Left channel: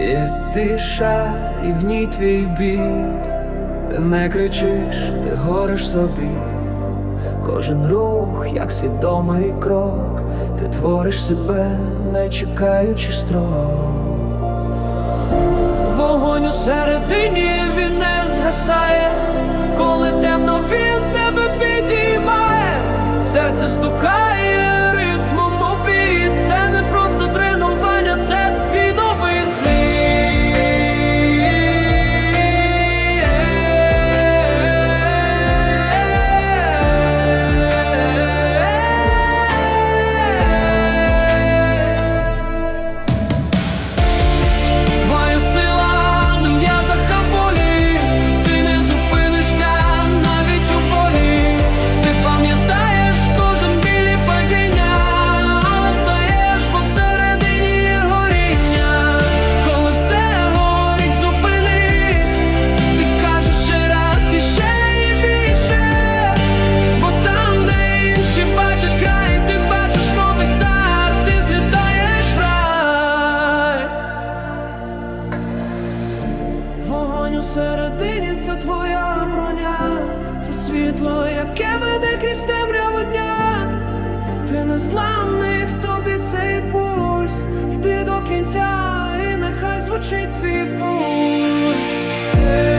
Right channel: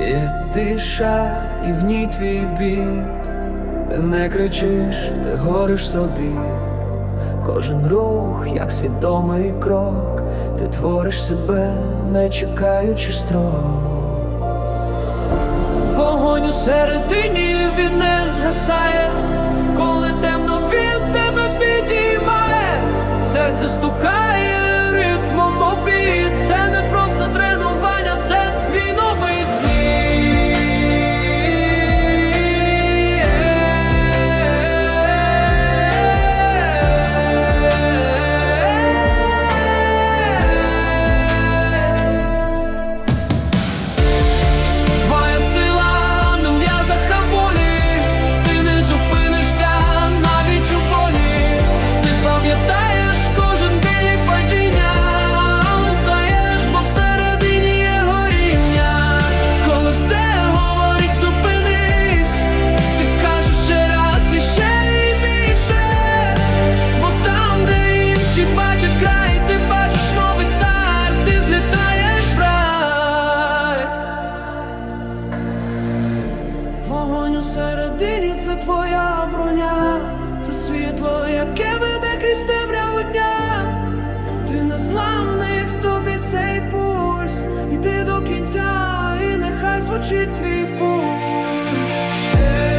І тиша, і в ній твій біль. Ти не кричиш, ти гориш собі. Кожен рух, як свідомий крок, ти твориш себе, не чекаючи строк. Вогонь у середині він не згасає, коли темно він тебе підіймає, серце стукає ритмом обід. Це не просто тренування, це твій Вогонь у середині це твоя броня, це світло, яке веде крізь темряву дня. Ти незламний в тобі цей пульс. Іди до кінця, і нехай звучить твій пульс. Е.